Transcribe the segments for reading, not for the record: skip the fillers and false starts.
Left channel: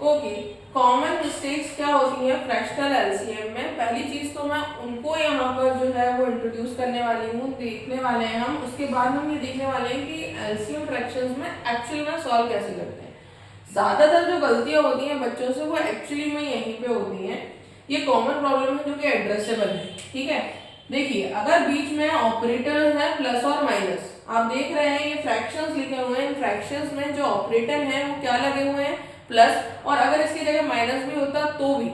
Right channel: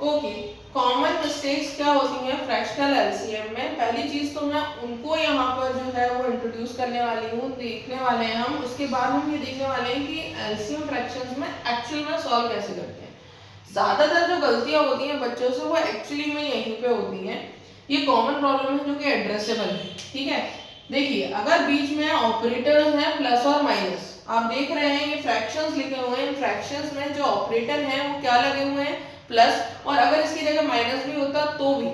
Okay, common mistakes क्या होती हैं फ्रैक्शनल एलसीएम में? पहली चीज तो मैं उनको यहाँ पर जो है वो इंट्रोड्यूस करने वाली हूँ, देखने वाले हैं हम। उसके बाद हम ये देखने वाले हैं कि एलसीएम फ्रैक्शंस में एक्चुअल में सॉल्व कैसे करते हैं। ज्यादातर जो गलतियां होती हैं बच्चों से वो एक्चुअली में यहीं पे होती हैं। ये कॉमन प्रॉब्लम है जो कि एड्रेसेबल है, ठीक है। देखिए, अगर बीच में ऑपरेटर है प्लस और माइनस, आप देख रहे हैं ये फ्रैक्शंस लिखे हुए हैं, इन फ्रैक्शंस में जो ऑपरेटर है वो क्या लगे हुए हैं? प्लस। और अगर इसकी जगह माइनस भी होता तो भी,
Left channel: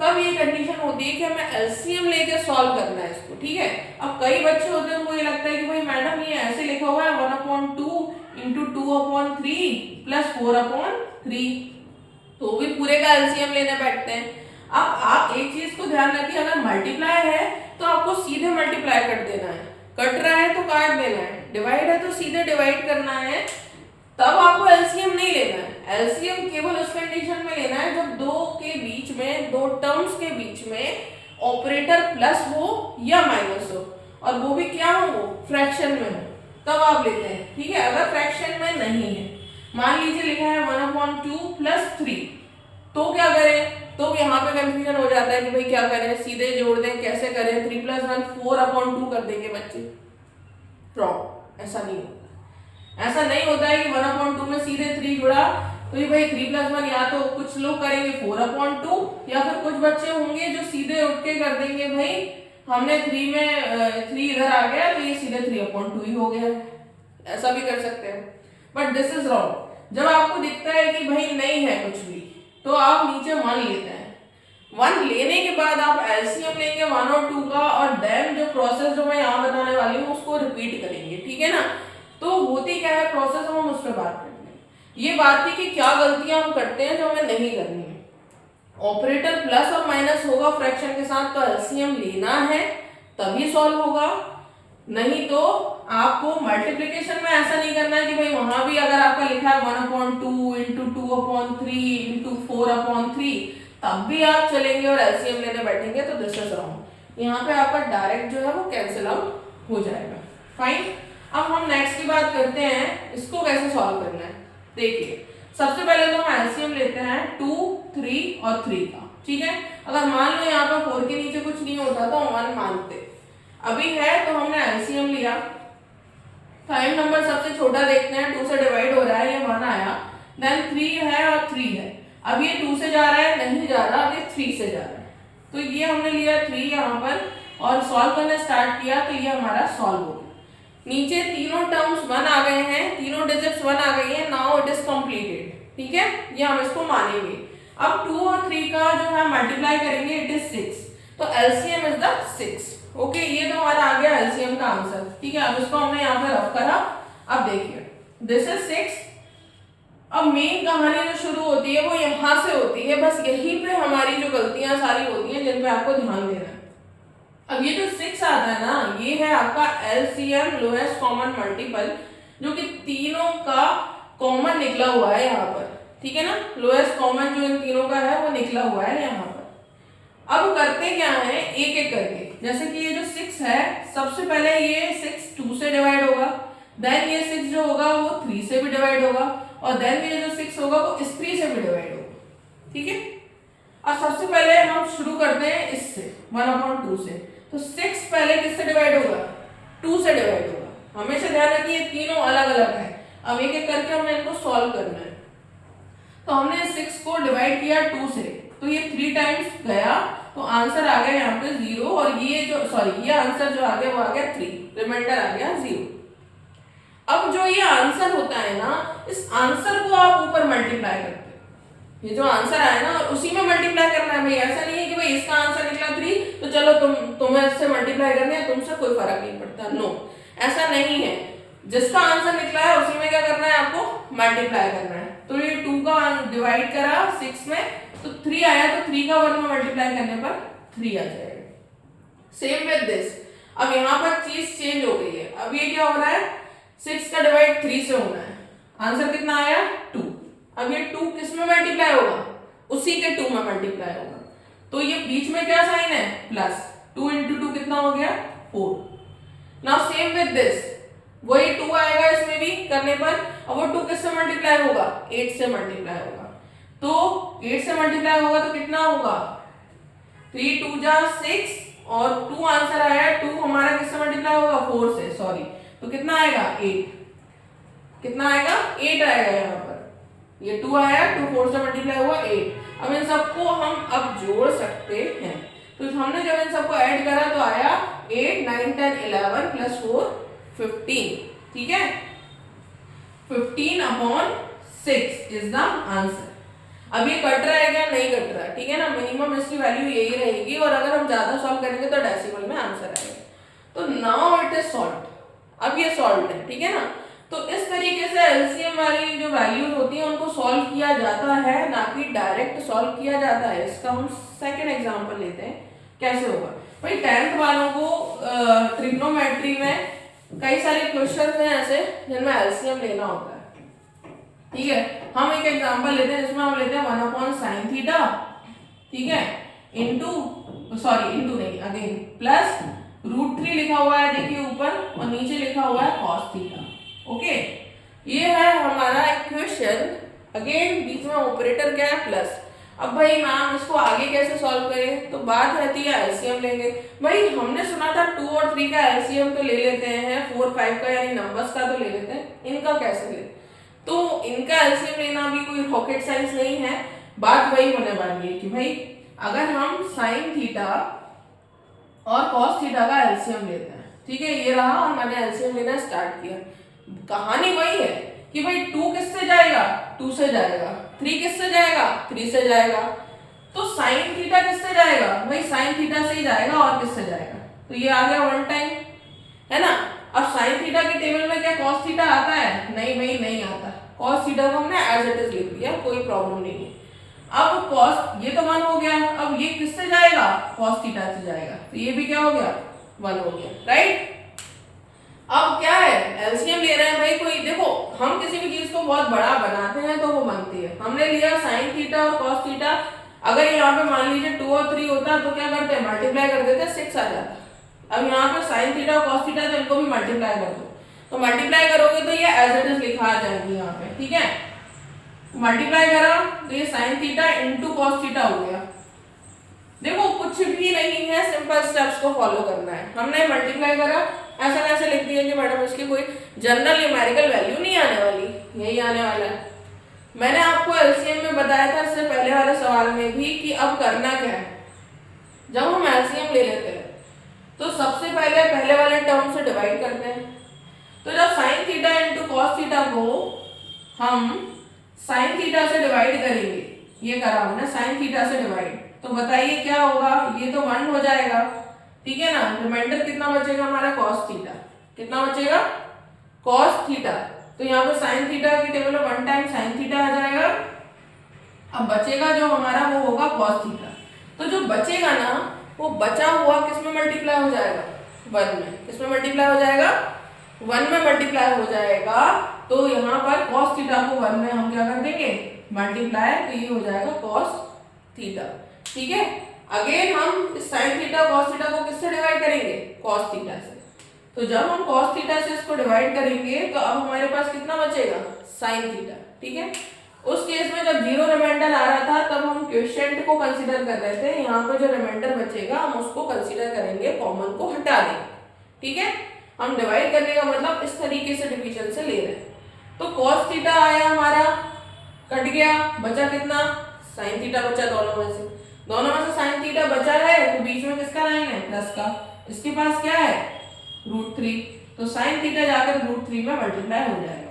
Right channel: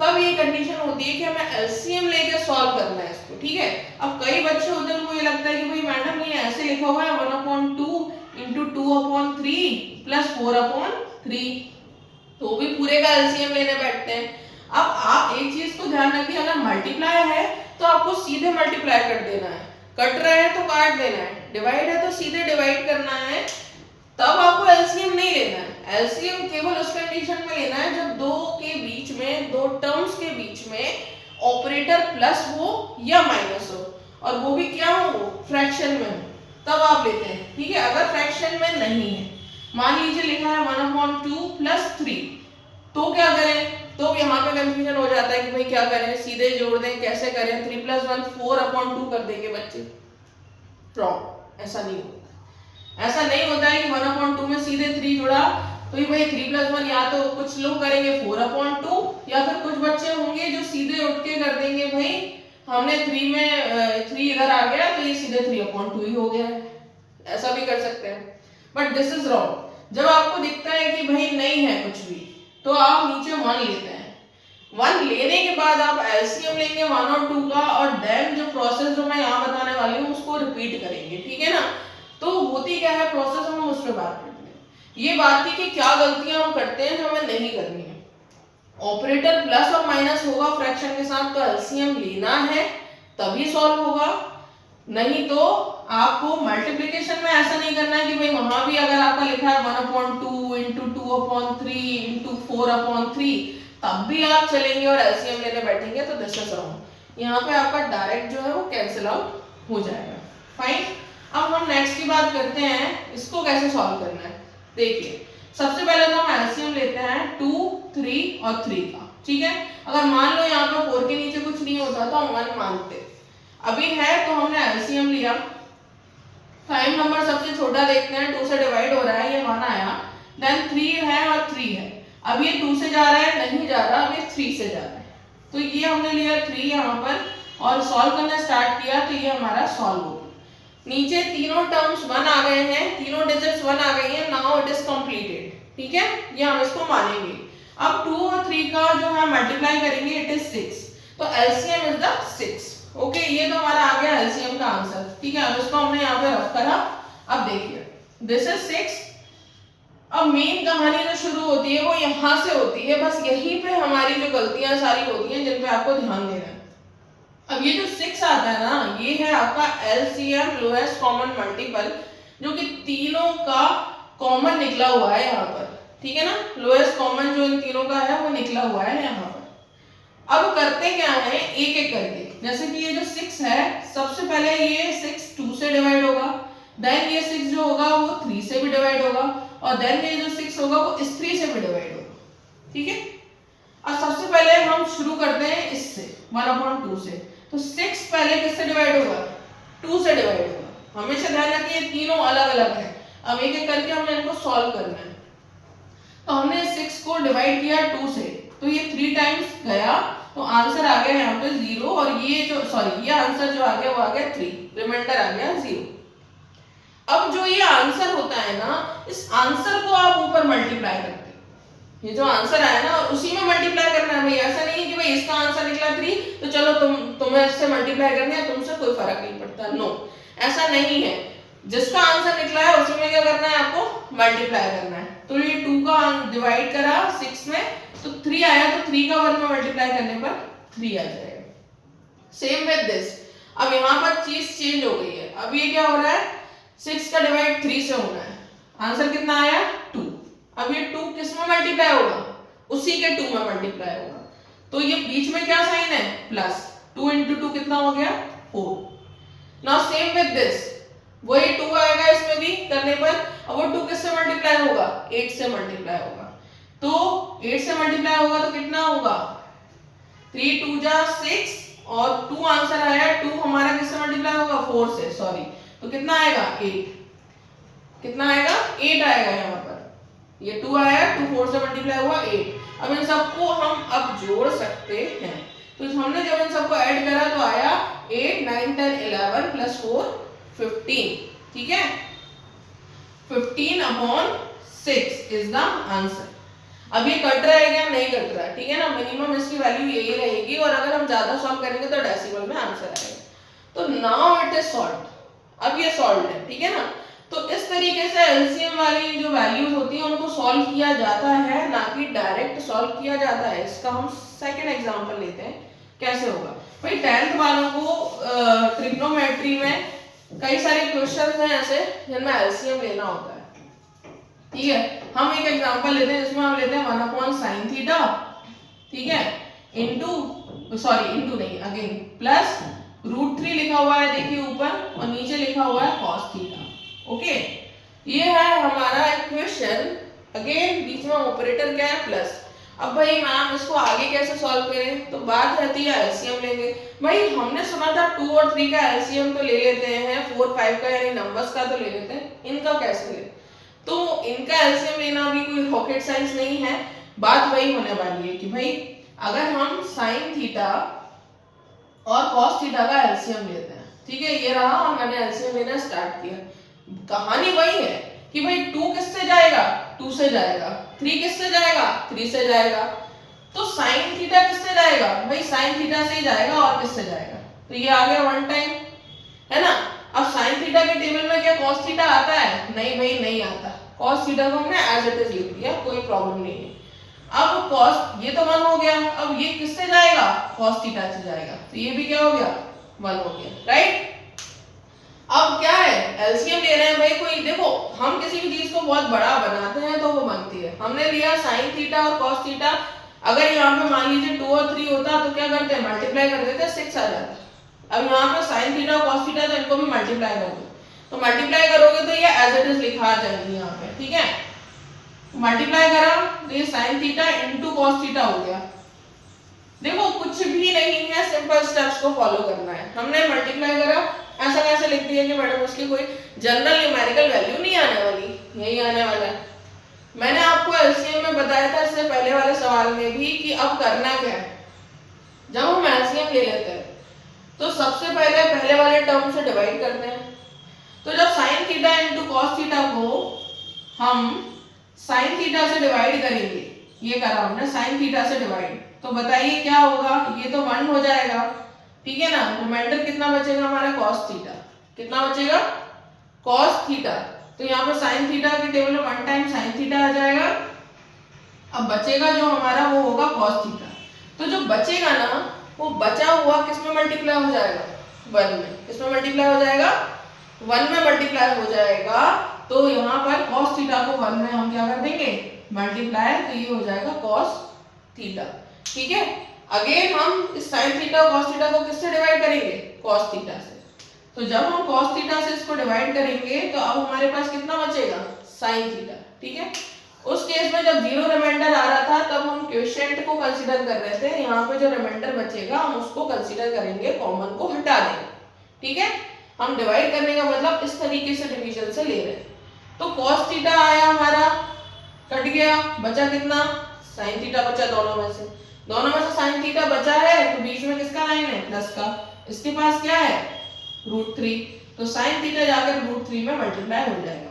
तब ये कंडीशन होती है कि हमें एलसीएम लेके सॉल्व करना है इसको, ठीक है। अब कई बच्चे होते हैं उनको ये लगता है कि भाई मैडम ये ऐसे लिखा हुआ है 1/2 इंटू 2/3 प्लस 4/3, तो भी पूरे का एलसीएम लेने बैठते हैं। अब आप एक चीज को ध्यान रखिए, अगर मल्टीप्लाई है तो आपको सीधे मल्टीप्लाई कर देना है, कट रहा है तो काट देना है, डिवाइड है तो सीधे डिवाइड करना है, तब आपको एलसीएम नहीं लेना है। एलसीएम केवल उस कंडीशन में लेना है जब दो के बीच में, दो टर्म्स के बीच में ऑपरेटर प्लस हो या माइनस हो, और वो भी क्या हो, फ्रैक्शन में हो, तब आप लेते हैं, ठीक है। अगर फ्रैक्शन में नहीं है, मान लीजिए लिखा है 1/2 प्लस 3, तो क्या करें? तो यहाँ पे कंफ्यूजन हो जाता है कि भाई क्या करें, सीधे जोड़ दें, कैसे करें? 3 + 1 4/2 कर देंगे बच्चे। रॉन्ग, ऐसा नहीं होता। ऐसा नहीं होता है कि 1/2 में सीधे 3 जुड़ा, तो ये भाई 3 + 1, या तो कुछ लोग करेंगे 4/2, या फिर कुछ बच्चे होंगे जो सीधे उठ के कर देंगे भाई हमने 3 में 3 इधर आ गया तो ये सीधे 3/2 ही हो गया। ऐसा भी कर सकते हैं, बट दिस इज रॉन्ग। जब आपको दिखता है कि भाई नहीं है कुछ भी, तो आप नीचे 1 लेते हैं। 1 लेने के बाद आप एलसीएम लेंगे 1 और 2 का, और देन जो प्रोसेस जो मैं यहाँ बताने वाली हूँ उसको रिपीट करेंगे, ठीक है ना। तो होती क्या है प्रोसेस, हम उस पर बात करते हैं। ये बात थी कि क्या गलतियां हम करते हैं जो हमें नहीं करनी है। ऑपरेटर प्लस और माइनस होगा फ्रैक्शन के साथ, तो एलसीएम लेना है तभी सॉल्व होगा, नहीं तो आपको मल्टीप्लिकेशन में ऐसा नहीं करना है कि भाई वहां भी अगर आपका लिखा है 1/2 इंटू 2/3 इंटू 4/3, तब भी आप चलेंगे और एलसीएम लेने बैठेंगे, तो दिस इज रॉन्ग। यहाँ पे आपका डायरेक्ट जो है वो कैंसिल आउट हो जाएगा। फाइन। अब हम नेक्स्ट की बात करते हैं, इसको कैसे सॉल्व करना है। देखिए, सबसे पहले तो हम एलसीएम लेते हैं 2, 3 और 3 का, ठीक है। अगर मान लो यहाँ पे 4 के नीचे कुछ नहीं होता तो हम 1 मानते, अभी है तो हमने एलसीएम लिया। प्राइम नंबर सबसे छोटा देखते हैं, 2 से डिवाइड हो रहा है, ये 1 आया, देन 3 है और 3 है। अब ये 2 से जा रहा है, नहीं जा रहा, अब ये 3 से जा रहा है, तो ये हमने लिया 3 यहाँ पर और सॉल्व करना स्टार्ट किया, तो ये हमारा सॉल्व हो गया। नीचे तीनों टर्म्स 1 आ गए हैं, तीनों डिजिट्स 1 आ गई हैं, नाउ इट इज कंप्लीटेड, ठीक है, ये हम इसको मानेंगे। अब 2 और 3 का जो है मल्टीप्लाई करेंगे, इट इज 6, तो एलसीएम इज द 6। ओके, ये तो हमारा आ गया एलसीएम का आंसर, ठीक है। अब इसको हमने यहाँ पे रख करा। अब देखिए, दिस इज 6। अब मेन कहानी जो शुरू होती है वो यहाँ से होती है, बस यहीं पे हमारी जो गलतियां सारी होती हैं जिन पे आपको ध्यान देना है। अब ये जो 6 आता है ना, ये है आपका एलसीएम, लोएस्ट कॉमन मल्टीपल, जो कि तीनों का कॉमन निकला हुआ है यहाँ पर, ठीक है ना। लोएस्ट कॉमन जो इन तीनों का है वो निकला हुआ है यहाँ पर। अब करते क्या है, एक एक करके, जैसे कि ये जो 6 है, सबसे पहले ये 6 2 से डिवाइड होगा, देन ये 6 जो होगा वो 3 से भी डिवाइड होगा, और देन ये जो 6 होगा वो इस 3 से भी डिवाइड होगा, ठीक है। अब सबसे पहले हम शुरू करते हैं इससे 1/2 से, तो 6 पहले किससे डिवाइड होगा, 2 से डिवाइड होगा। हमेशा ध्यान रखिए तीनों अलग अलग है। अब एक एक करके हमने इनको सॉल्व करना है। तो हमने 6 को डिवाइड किया 2 से, तो ये 3 टाइम्स गया, तो आंसर आ गया यहाँ पे 0, और ये जो ये आंसर जो आ गया वो आ गया 3, रिमाइंडर आ गया 0। अब जो ये आंसर होता है ना, इस आंसर को आप ऊपर मल्टीप्लाई करते हैं, ये जो आंसर आया ना उसी में मल्टीप्लाई करना है भाई। ऐसा नहीं है कि भाई इसका आंसर निकला 3 तो चलो तुम्हें इससे मल्टीप्लाई करना है, तुमसे कोई फर्क नहीं पड़ता, नो, ऐसा नहीं है। जिसका आंसर निकला है उसी में क्या करना है, आपको मल्टीप्लाई करना है। तो ये 2 का डिवाइड करा 6 में, तो 3 आया, तो 3 का 1 में मल्टीप्लाई करने पर 3 आ जाएगा। सेम विद दिस, अब यहाँ पर चीज चेंज हो गई है। अब ये क्या हो रहा है, 6 का डिवाइड 3 से होना है, आंसर कितना आया 2। अब ये 2 किस में मल्टीप्लाई होगा, उसी के 2 में मल्टीप्लाई होगा, तो ये बीच में क्या साइन है, प्लस। 2 इंटू 2 कितना हो गया 4। नाउ सेम विद दिस, वही 2 आएगा इसमें भी करने पर, अब वो 2 किससे मल्टीप्लाई होगा, 8 से मल्टीप्लाई होगा, तो 8 से मल्टीप्लाई होगा तो कितना होगा 3 2 जा 6 और 2 आंसर आया। 2 हमारा किससे मल्टीप्लाई होगा 4 से, सॉरी, तो कितना आएगा 8, कितना आएगा 8 आएगा यहाँ पर। ये 2 आया, 2 4 से मल्टीप्लाई हुआ 8। अब इन सबको हम अब जोड़ सकते हैं, तो हमने जब इन सबको ऐड करा तो आया 8 9 10 11 प्लस 4 15, ठीक है, 15/6 इज द आंसर। अब ये कट रहा है क्या, नहीं कट रहा, ठीक है ना, मिनिमम इसकी वैल्यू यही रहेगी और अगर हम ज्यादा सॉल्व करेंगे तो डेसिमल में आंसर आएगा। तो नाउ इट इज सॉल्व्ड, अब ये सॉल्व्ड है, ठीक है ना। तो इस तरीके से एलसीएम वाली जो वैल्यूज होती है उनको सॉल्व किया जाता है, ना कि डायरेक्ट सॉल्व किया जाता है। इसका हम सेकंड एग्जांपल लेते हैं, कैसे होगा भाई। 10th वालों को ट्रिग्नोमेट्री में कई सारे क्वेश्चन हैं ऐसे जिनमें एलसीएम लेना होता है, ठीक है। हम एक एग्जांपल लेते हैं जिसमें हम लेते हैं 1/sin थीटा, ठीक है, इनटू सॉरी इनटू नहीं अगेन प्लस √3 लिखा हुआ है देखिए ऊपर और नीचे लिखा हुआ है cos थीटा, ओके। ये है हमारा इक्वेशन, अगेन बीच में ऑपरेटर क्या है प्लस। अब भाई मैम इसको आगे कैसे सॉल्व करें, तो बात रहती है एलसीएम लेंगे। भाई हमने सुना था 2 और 3 का एलसीएम तो ले लेते हैं, 4 5 का यानी नंबर्स का तो ले लेते हैं, इनका कैसे ले, तो इनका एलसीएम लेना भी कोई रॉकेट साइंस नहीं है। बात वही होने वाली है कि भाई अगर हम साइन थीटा और कॉस थीटा का एलसीएम लेते हैं, ठीक है, ये रहा और मैंने एलसीएम लेना स्टार्ट किया। कहानी वही है कि भाई 2 किससे जाएगा 2 से जाएगा, 3 किससे जाएगा 3 से जाएगा, तो साइन थीटा किससे जाएगा भाई साइन थीटा से ही जाएगा और किससे जाएगा, तो ये आ गया 1 टाइम, है ना। अब साइन थीटा के टेबल में क्या कॉस थीटा आता है, नहीं भाई नहीं आता। कॉस थीटा को हमने एज इट इज लिख दिया, कोई प्रॉब्लम नहीं है। अब कॉस ये तो 1 हो गया, अब ये किससे जाएगा कॉस थीटा से जाएगा, तो ये भी क्या हो गया 1 हो गया, राइट। अब क्या है एलसीएम ले रहे हैं भाई, कोई देखो हम किसी भी चीज को बहुत बड़ा बनाते हैं तो वो बनती है। हमने लिया साइन थीटा और कॉस थीटा, अगर यहाँ पे मान लीजिए 2 और 3 होता तो क्या करते हैं मल्टीप्लाई कर देते, 6 आ जाता। अब यहाँ पे साइन थीटा और कॉस थीटा तो इनको भी मल्टीप्लाई कर दो, तो मल्टीप्लाई करोगे तो ये एज इट इज लिखा आ जाएगी यहाँ पे, ठीक है। मल्टीप्लाई करा तो ये sine theta into cos theta हो गया। देखो कुछ भी नहीं है, सिंपल स्टेप्स को फॉलो करना है। हमने मल्टीप्लाई करा, ऐसा कैसे लिख दिया कि मैडम उसकी कोई जनरल न्यूमेरिकल वैल्यू नहीं आने वाली, यही आने वाला है। मैंने आपको एलसीएम में बताया था इससे पहले वाले सवाल में भी कि अब करना क्या है। जब हम एलसीएम ले लेते हैं तो सबसे पहले वाले टर्म से डिवाइड करते हैं। तो जब sine theta into cos theta को हम साइन थीटा से डिवाइड करेंगे, ये करा हमने साइन थीटा से डिवाइड, तो बताइए क्या होगा, ये तो 1 हो जाएगा, ठीक है ना। रिमाइंडर कितना बचेगा हमारा कॉस थीटा, कितना बचेगा कॉस थीटा, तो यहाँ पे साइन थीटा के टेबल में 1 टाइम साइन थीटा आ जाएगा। अब बचेगा जो हमारा वो होगा कॉस थीटा, तो जो बचेगा ना वो बचा हुआ किसमें मल्टीप्लाई हो जाएगा 1 में, किसमें मल्टीप्लाई हो जाएगा 1 में मल्टीप्लाई हो जाएगा। तो यहाँ पर cos थीटा को 1 में हम क्या कर देंगे मल्टीप्लाई, तो ये हो जाएगा cos थीटा, ठीक है। अगेन हम इस sin थीटा और cos थीटा को किससे डिवाइड करेंगे cos थीटा से। तो जब हम cos थीटा से इसको डिवाइड करेंगे तो अब हमारे पास कितना बचेगा sin थीटा, ठीक है। उस केस में जब 0 रिमाइंडर आ रहा था तब हम क्वोशिएंट को कंसीडर कर रहे थे, यहाँ पे जो रिमाइंडर बचेगा हम उसको कंसीडर करेंगे, कॉमन को हटा देंगे, ठीक है। हम डिवाइड करने का मतलब इस तरीके से डिवीजन से ले रहे हैं। तो cos थीटा आया हमारा, कट गया, बचा कितना sin थीटा बचा, दोनों में से sin थीटा बचा है, तो बीच में किसका लाइन है प्लस का, इसके पास क्या है √3, तो sin थीटा जाकर √3 में मल्टीप्लाई हो जाएगा।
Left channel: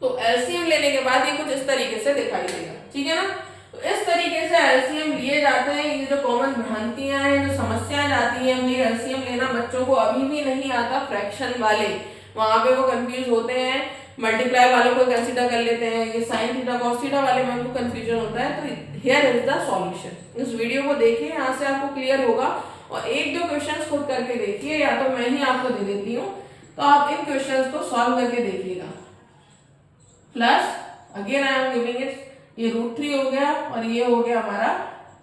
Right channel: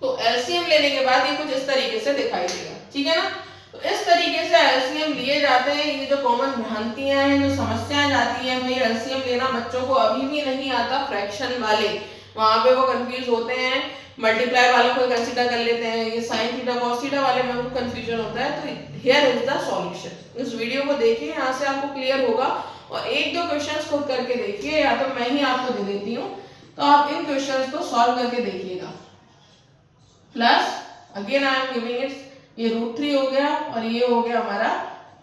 तो एलसीएम लेने के बाद ये कुछ इस तरीके से दिखाई देगा, ठीक है ना। तो इस तरीके से एलसीएम लिए जाते हैं। ये जो कॉमन भ्रांतियां हैं, जो समस्याएं जाती हैं, भाई एलसीएम लेना बच्चों को अभी भी नहीं आता, फ्रैक्शन वाले वहां पे वो कंफ्यूज होते हैं, मल्टीप्लाई वालों को कंसीडर कर लेते हैं, ये साइन थीटा कॉस थीटा वाले में उनको कंफ्यूजन होता है। तो हियर इज द सॉल्यूशन। इस वीडियो को देखिए, यहाँ से आपको क्लियर होगा और 1-2 क्वेश्चंस खुद करके देखिए, या तो मैं ही आपको दे देती हूँ, तो आप इन क्वेश्चंस को सॉल्व करके देखिएगा। Plus again I am giving it, ये √3 हो गया और ये हो गया हमारा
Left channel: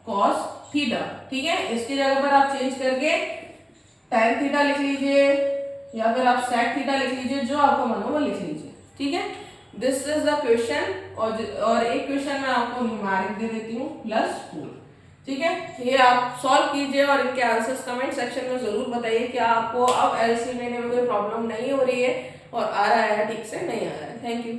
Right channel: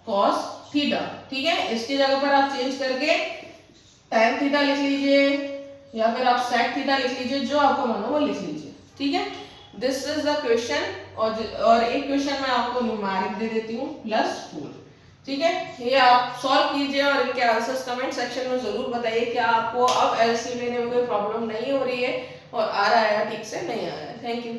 cos थीटा, ठीक है। इसकी जगह पर आप चेंज करके tan थीटा लिख लीजिए या फिर आप sec थीटा लिख लीजिए, जो आपका मन हो वो लिख लीजिए, ठीक है। This is the question. और एक क्वेश्चन मैं आपको न्यूमेरिक दे देती हूँ +4। ठीक है, ये आप सॉल्व कीजिए और इनके आंसर्स कमेंट सेक्शन में जरूर बताइए कि आपको अब एलसीएम लेने में कोई प्रॉब्लम नहीं हो रही है और आ रहा है ठीक से नहीं आ रहा है। Thank you.